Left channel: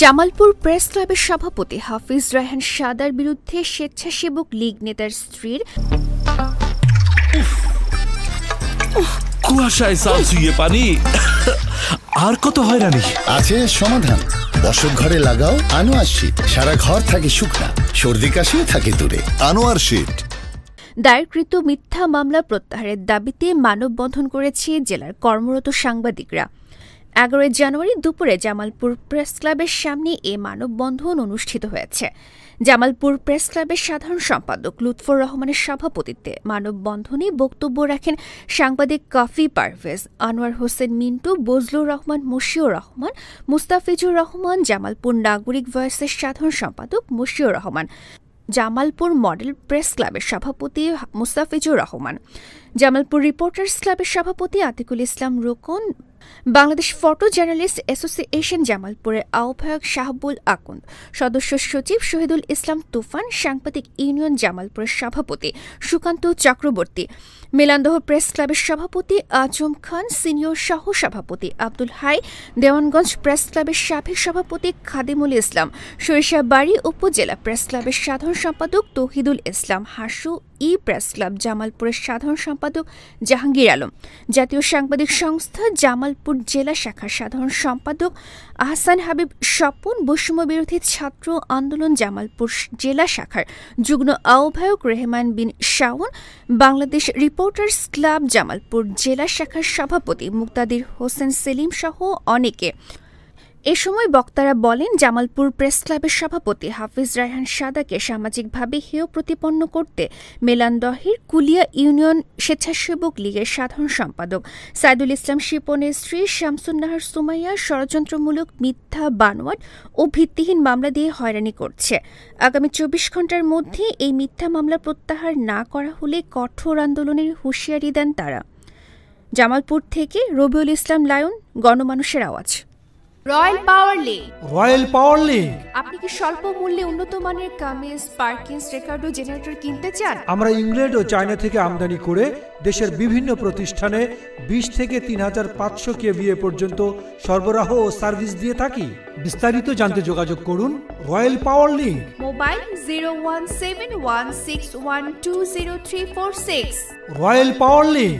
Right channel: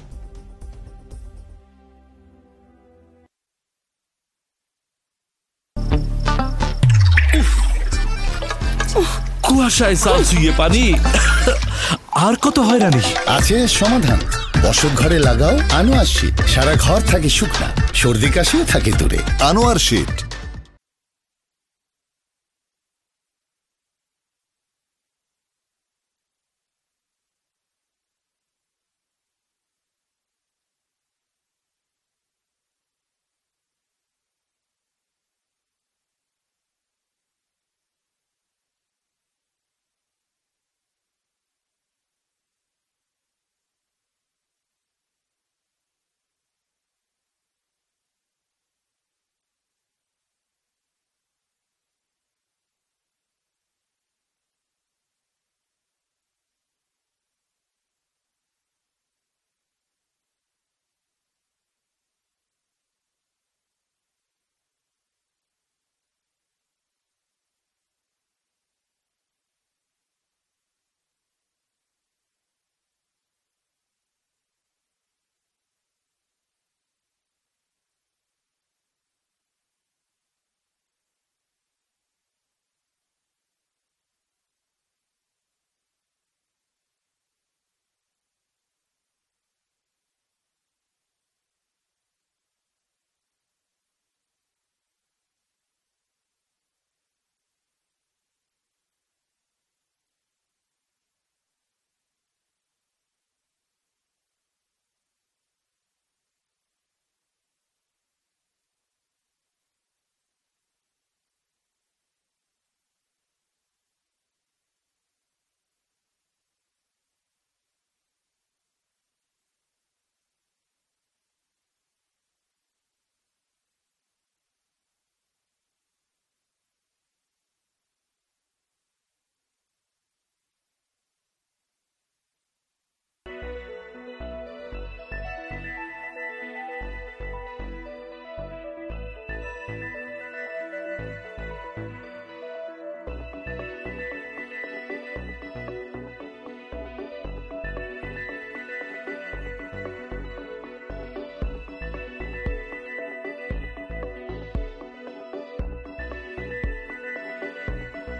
Jamalpur press ক্লাবের সভাপতি হাফিজ রায়হান সাদার বিরুদ্ধে স্বেচ্ছাসেবক লীগ নেতার স্ত্রীর কুয়াশায় সালসুইয়ে পানি আর কত হয়রানি আছে সমাধান। বসত ঘরে লাগাও আনোয়ার শীট, সারা ঘর থাকে শুকনা, সর্দি কাশিও থাকে দূরে। আনোয়ার শীট। দায়েরকৃত মিথ্যা মামলা প্রত্যাহারের দাবিতে মানববন্ধন করেছে জেলার কর্মরত সাংবাদিকরা। 11 জানুয়ারি দুপুরে জামালপুর প্রেস ক্লাবের সামনে এ মানববন্ধন অনুষ্ঠিত হয়েছে। জামালপুর প্রেস ক্লাবের সাধারণ সম্পাদক লুৎফর রহমানের সভাপতিত্বে মানববন্ধনে বক্তব্য রাখেন সাংবাদিক কাফি পারভেজ, আনোয়ার হোসেন মিন্টু, বজলুর রহমান, মশিউর রহমান, মুস্তাফিজুর রহমান, জামালপুর নাগরিক ভয়েসের সাধারণ সম্পাদক মশিউর রহমান, জামালপুর মডেল প্রেস ক্লাবের সভাপতি মুস্তাফিজুর রহমান, জামালপুর রিপোর্টার্স ক্লাবের সভাপতি আতিকুল ইসলাম রোকন, বাংলাদেশ ফটো জার্নালিস্ট অ্যাসোসিয়েশন জামালপুরের আহ্বায়ক শাহাবুল আকুন্দ, সদস্য সচিব শহীদুল ইসলাম তুফান, সাংবাদিক ইউনিয়ন জামালপুরের সভাপতি সুকান্ত চক্রবর্তী, মেলান্দহ প্রেস ক্লাবের সভাপতি আজম খান, সিনিয়র সহ সভাপতি আব্দুল হাই, দেওয়ানগঞ্জ প্রেস ক্লাবের সাবেক সভাপতি খাদিমুল ইসলাম, সরিষাবাড়ী উপজেলা প্রেস ক্লাবের সাধারণ সম্পাদক তৌহিদুল ইসলাম হাসু, প্রেস ক্লাব জামালপুরের সাধারণ সম্পাদক জাহাঙ্গীর আলম, জাতীয় সাংবাদিক সংস্থা জামালপুর জেলা শাখার সাধারণ সম্পাদক আহসান হাবিব স্বপন, বৈষম্য বিরোধী ছাত্র আন্দোলন জামালপুর জেলা শাখার যুগ্ম আহ্বায়ক রেহমান বিন শাওন, বাংলাদেশ রিপোর্টার্স ক্লাব জামালপুর জেলা শাখার সভাপতি মুক্তাদির হোসেন সেলিম সহ অনেকে। এ সময় বক্তারা বলেন, জামালপুর প্রেস ক্লাবের সভাপতি হাফিজ রায়হান সাদাকে সামাজিকভাবে হেয় প্রতিপন্ন করতে মেলান্দহের কুলিয়া ইউনিয়ন স্বেচ্ছাসেবক লীগের সাধারণ সম্পাদক সাইদুল ইসলাম শিপনের স্ত্রী শামসুন্নাহার সুমাইয়া ষড়যন্ত্রমূলক মিথ্যা বানোয়াট ও ভিত্তিহীন মামলা দিয়ে হয়রানি করছে। আগামী 24 ঘণ্টার মধ্যে এই মিথ্যা মামলা প্রত্যাহার না করা হলে কঠোর আন্দোলনের হুঁশিয়ারি দেন তারা। জামালপুর থেকে রবিউল ইসলাম লায়ন, গণমানুষের আওয়াজ। রয়্যাল পাওয়ার লিগ। আপনি কি স্বল্প মূল্যে উন্নত মানের কামিজ, পার্কিংস, রেকার্ডো জেনারেটর কিনতে চান? আমরা ইংল্যান্ড ও চায়না থেকে আমদানি করে দেশের বিভিন্ন প্রতিষ্ঠানে 20 থেকে 3500 কেভিএ পর্যন্ত সরবরাহ ও সার্ভিস দিয়ে থাকি। বিস্তারিত জানতে যোগাযোগ করুন রয়্যাল পাওয়ার লিগ। মোবাইল 017161200346। রয়্যাল পাওয়ার লিগ।